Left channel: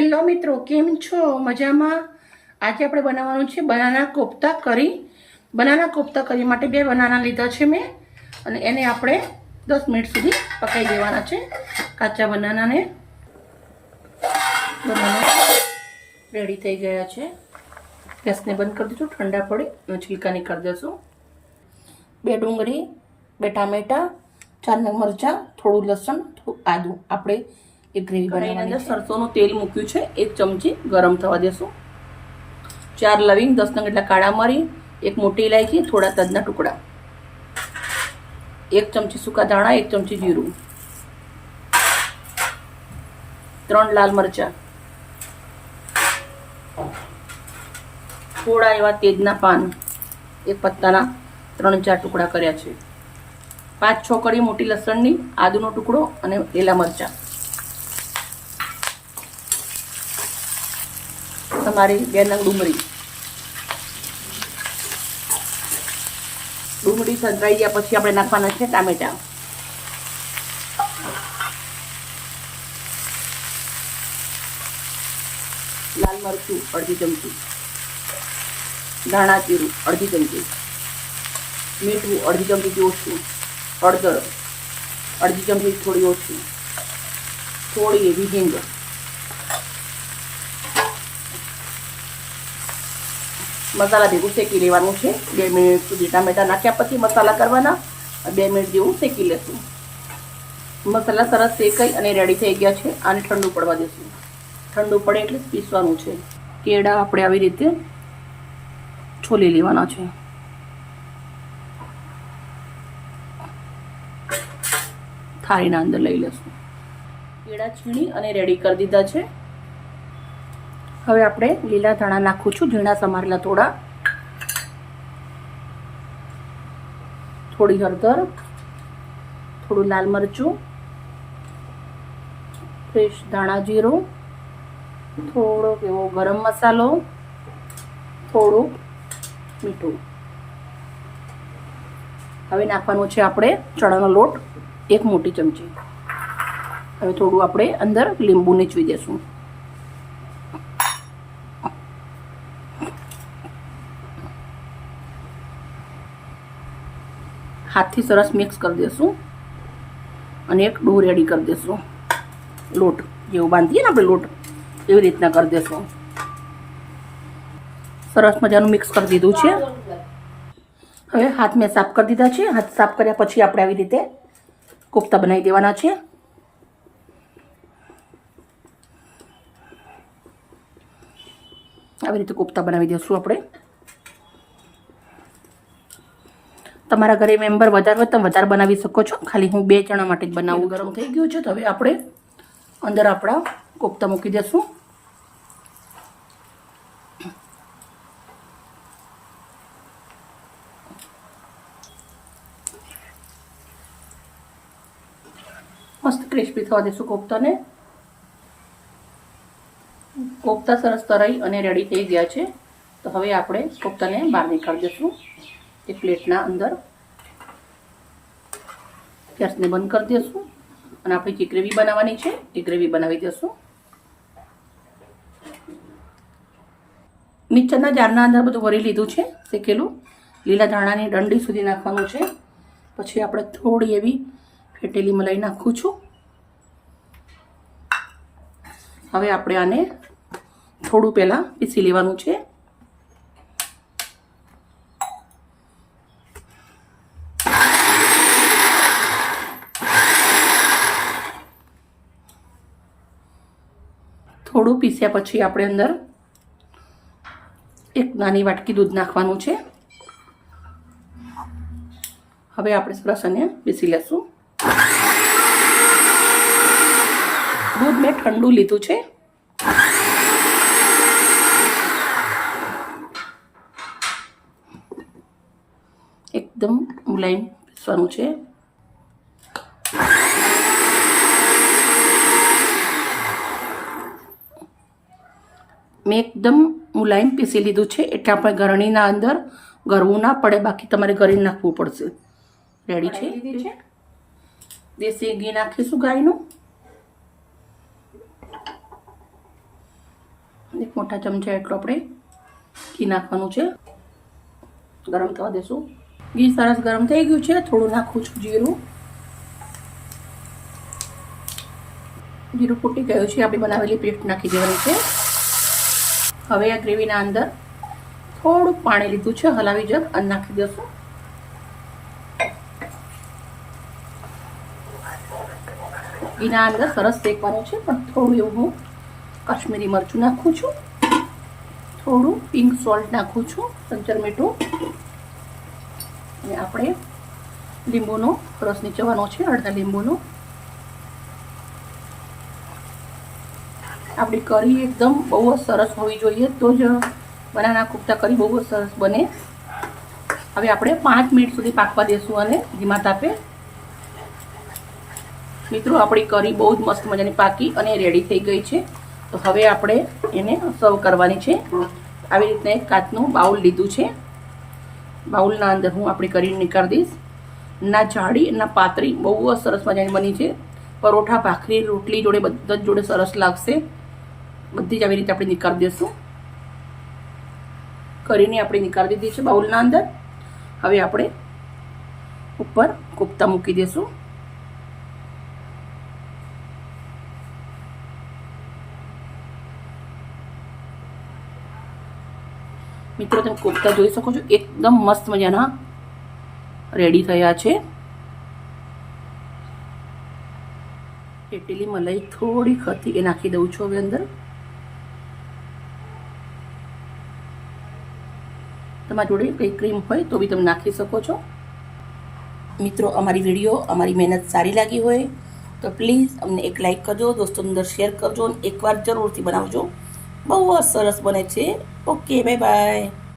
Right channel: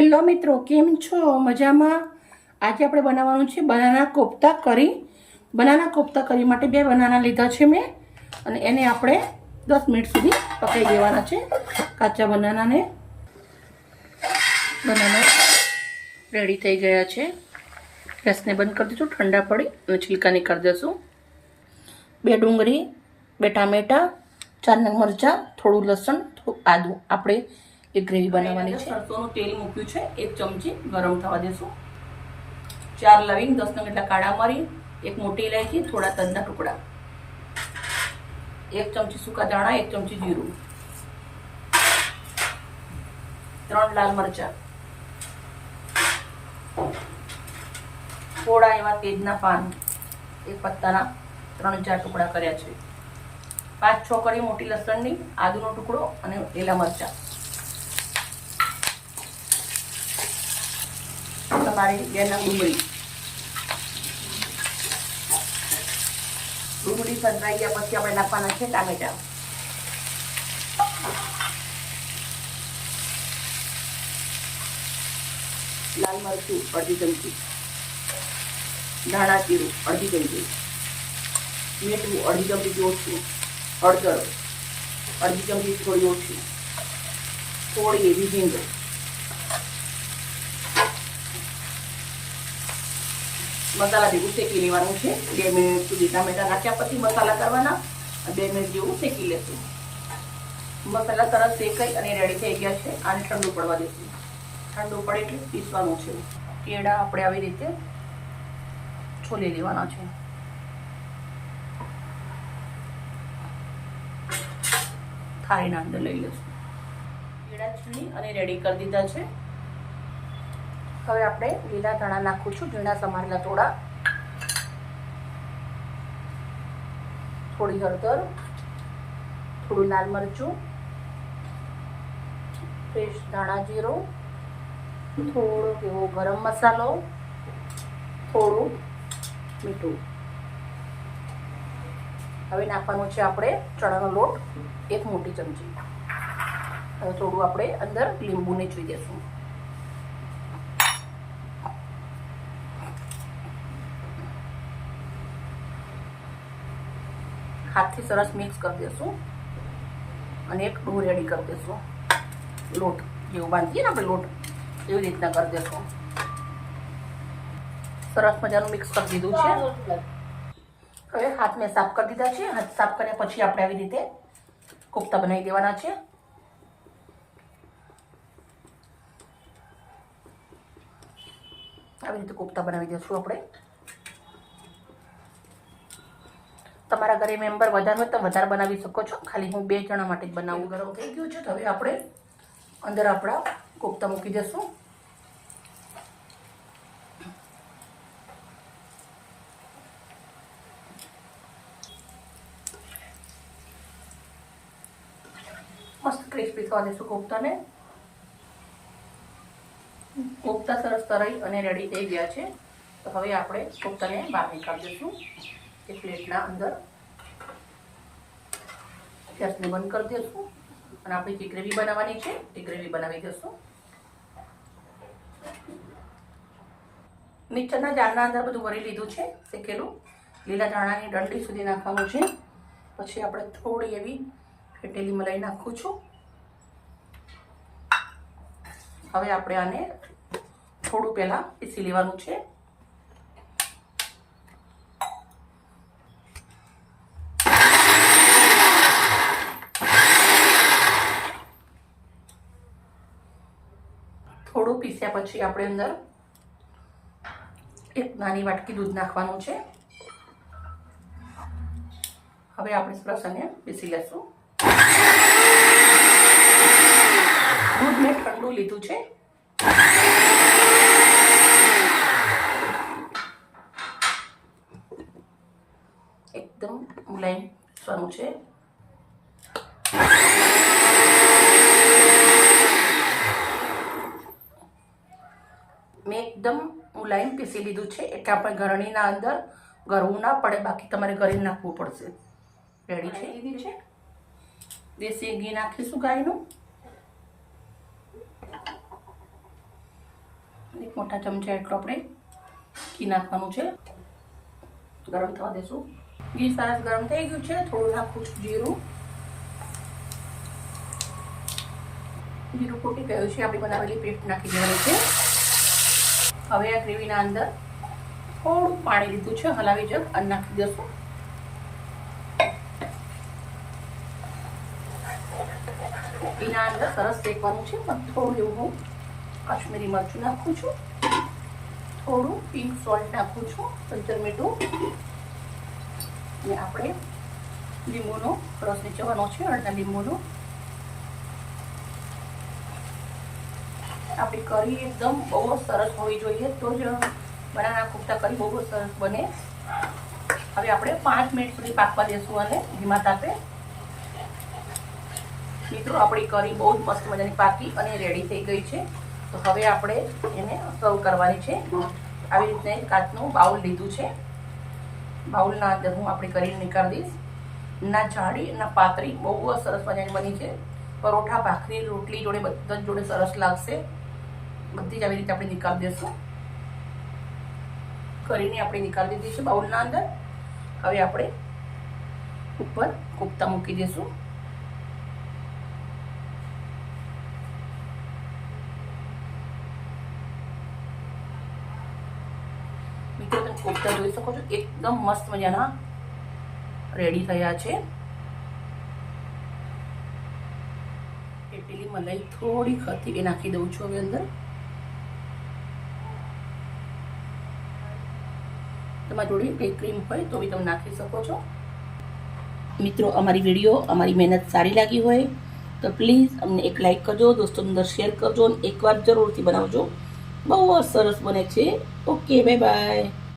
Hello મિત્રો, કેમ છો? મજામાં? આજે આપણે બનાવવાનું છે બનાના કોફતા કરી. બનાના કોફતા કરી માટે બે બનાના લીધા છે મેં. અને એને આપણે દસ મિનિટ સુધી પકાવી દેવાના છે. કાચા બનાનાને બનાના રેડી થઈ ગયા છે. ગેસને બંધ કરી દીધું, ઠંડા પડી અને છિલકાની કરી દઈશું. બે ડુંગળી, બે ટામેટાં, ચાર મરચાં, થોડું લસણ, થોડું આદું. આપણે એક ગ્રેવી બનાવવાની છે. સરસોનું તેલ મૂક્યું છે. એક ચમચી ગરમ થવા દેશું. ચાર લવિંગ દસ નંગ એટલા કાળા મરી એક મોટી ઇલાયચી થોડા તજના ટુકડા. એક ચમચી સૂકા ધાણા એક ચમચી જીરું. ત્રણ લાલ મરચાં. થોડા એવા તેજના પાન. એક પત્તાના ત્રણ ચાર ટુકડા કર્યા છે. પાંચ છ કડી મોટી લસણની આદુનો ટુકડો અને લીલા મરચાં. તમારી બે ડુંગળી. ડુંગળી સંતરાઈ ગયા પછી આપણે નાખવાના છે ટામેટા. લાલ મરચું અડધી ચમચી. ધાણા જીરું અડધી ચમચી. મીઠું અડધી ચમચી ઓછું. હળદર અડધી ચમચી થોડી ઓછું. થોડી એવી મસાલા ભેગું શેકી લેવાનું છે. બે મિનિટ સુધી ટામેટા નાખ્યા પછી મસાલા કરવાના. બે મિનિટ જેવું શેકી લેશું. મસાલા સરસ શેકાઈ અને રેડી થઈ ગયા છે. આને ઠંડુ પડવા દઈશું ઠંડુ પડે એટલે પીસવાનું છે. કેળા આપણે આવી રીતે છોલી લેવાના છે. થાળીના અંદર લઈ લેશું. કેળા છીણી અને રેડી કરી દીધા છે. હવે આપણે લીલા ધાણા નાખું છું, ઝીણા સમારેલા થોડા. થોડી હળદર, થોડું લાલ મરચું, ફ્રેશ ધાણા જીરું થોડોક એવો ગરમ મસાલો, થોડું મીઠું. હવે નાખવાનો છે આપણે ચણાનો લોટ, એક મોટી ચમચી. હવે થોડું આપણે અંદર લીંબુ નીચવી દેશું. હાથથી સરસ મિક્સ કરી દઈશું અને એક ડો રેડી કરી દઈશું લોટ જેવું બાંધીએ ને આપણે લોટ, એવી રીતના કરી દઈશું સરસ મજાનું મિક્સ કરી દીધું છે. હવે હાથ મેં સાફ કરી દીધા છે. હાથ સાફ કર્યા પછી આપણે આવી રીતે કોફતા બનાવી દેવાના છે. આવી રીતે કોફતા બનાવી દઈશું આપણે. તમારા ઘરે મેમ્બર વધારે હોય તમે વધારે બનાવી શકો છો. ખાલી હું બે જણા માટે જ બનાવું. ગરમ થઈ ગયું છે. તો હવે આપણે અંદર આપણા કોફતા મૂકી દઈશું મસ્ત ક્રિસ્પી થવા દઈશું કોફતાને. કોફતા સરસ તરાઈ અને રેડી થઈ ગયા છે. તો હવે આપણે કોફતાને બહાર નીકાળી દઈશું એક પ્લેટના અંદર. ગેસને બંધ કરી દઈશું અને આપણે જે ગ્રેવી બનાવવાની છે એ ગ્રેવી બનાવી દઈશું મિક્સરના જારના અંદર બધું ભરી લીધું છે, શેકેલું. લીલા ધાણાની દંડી સુધી નાખવાનું છે. પછી આપણે થોડી એવી ફેટેલી મલાઈ નાખું છું. હવે આપણે આને થોડું પહેલાં પીસી લેવાનું છે. થોડું પીસ્યા પછી આપણે અંદર એક નાની વાટકી દૂધ નાખવાનું છે. હવે આપણે સરસ અને પીસી લેશું. દૂધ મેં ઠંડુ લીધું છે. એકદમ મુલાયમ પીસવાનું છે. મેં એકદમ મુલાયમ પીસી લીધું છે એટલે આપણે ગરણીના અંદર ગરવું ના પડે બાકી તમારે ગળી નાખવું પડશે. રેડી છે? દેશી ઘી નાખીશું ગાયનું. એક મોટા ચમચા એટલું આપણે ઘી નાખવાનું છે. ગરમ થવા દેશું. ઘી સરસ ગરમ થઈ ગયું છે થોડું નાખું છું જીરું. જીરું ફૂટી ગયું છે આપણે બનાવેલી પેસ્ટ નાખી દેવાની છે. હવે આ ગ્રેવીના અંદર થોડું પાણી લીધું છે, હલાવી જગ અને નાખી દઈશું. એના અંદર સરસ શેકવાનું છે, પણ થોડું એવું હું કાશ્મીરી મરચું નાખું છું. થોડું પિંક સોલ્ટ નાખું છું, સંચર મીઠું. અને આપણે લીંબુનો રસ નીચવાનો છે, અડધા લીંબુનો. આપણી કરી એકદમ બહુ સરસ હોવી જોઈએ. તો જ બનાના કુફતા કરી બહુ સરસ બને. હવે આપણે પાંચ મિનિટ સુધી પાકવા દેશું અને ધીમા તાપે. મિત્રો, આપણી કરી બહુ જ મસ્ત મજાની પાકી અને રેડી થઈ ગઈ છે. તો હવે આપણે એને સર્વ કરવાની છે. આવી રીતના એક કાચનું બાઉલ લીધું છે. બાઉલના અંદર હું આપણી કરી નીકાળી દઈશ. ના જાડી ના પાતળી, બહુ સરસ મજાની બની છે. પરોઠા, ભાખરી, રોટલી જોડે બધા જ જોડે સરસ લાગશે. બધી જ આવી રીતે આપણે નીકાળી દઈશું કરીને આપણે નીકાળી દીધી છે બાઉલના અંદર. હવે આપણે ઉપર કોફતા મૂકી દઈશું મિત્રો, તમે કોફતા જોઈ શકો છો, એકદમ મસ્ત મજાના રેડી થયા છે. પેટેલી મલાઈ થોડી ખતી એ નાખી દઉં છું હવે અંદર. તમારા જોડે કંઈ ક્રીમ હોય તો બી તમે નાખી શકો છો. મિત્રો, અમારી વીડિયો અમારી મહેનત સારી લાગી હોય તો પ્લીઝ અમને એક લાઇક કરજો, દોસ્તો અંદર શેર કરજો અને એકવાર જરૂરથી બનાવજો. બહુ સરસ બને છે. Okay bye bye